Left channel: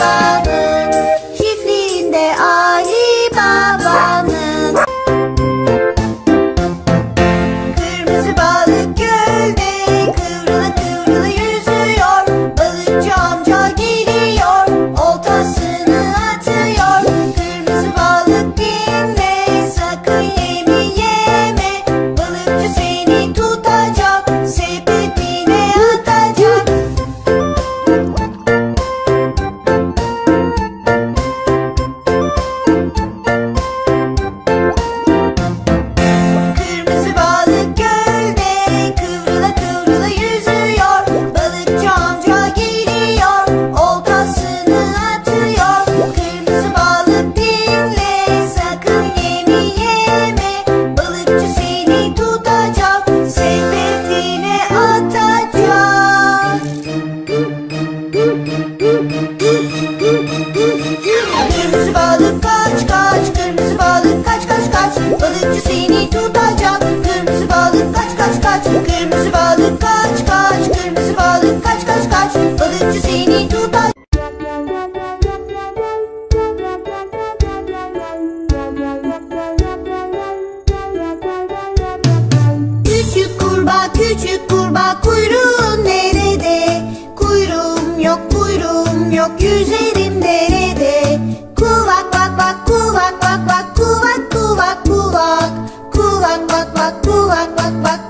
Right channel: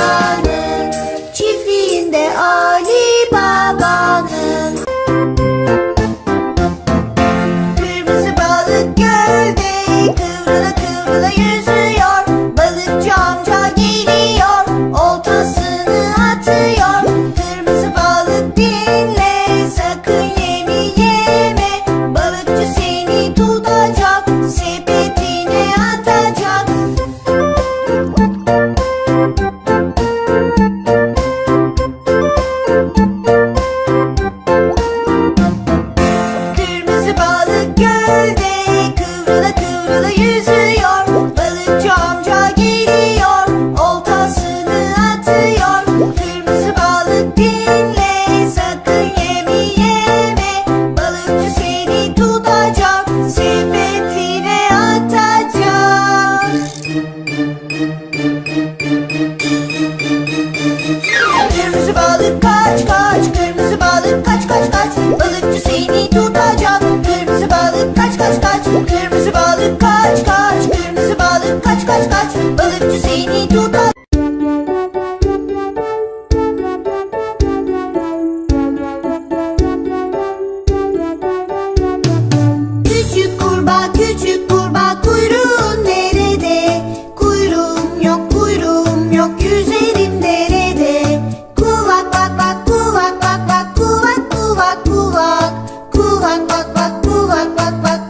love. pat pat pat pat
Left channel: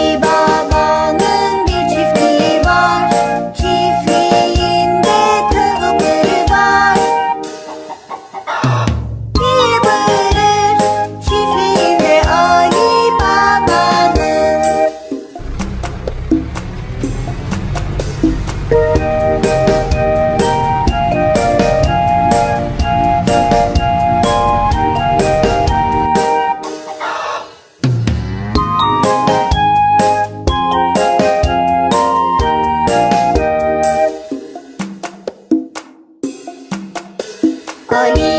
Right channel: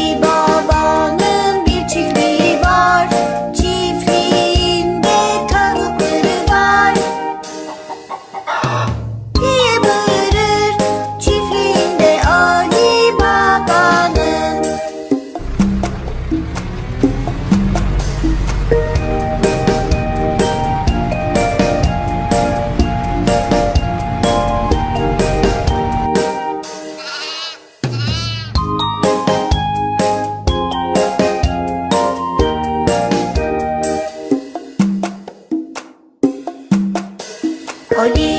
Hoy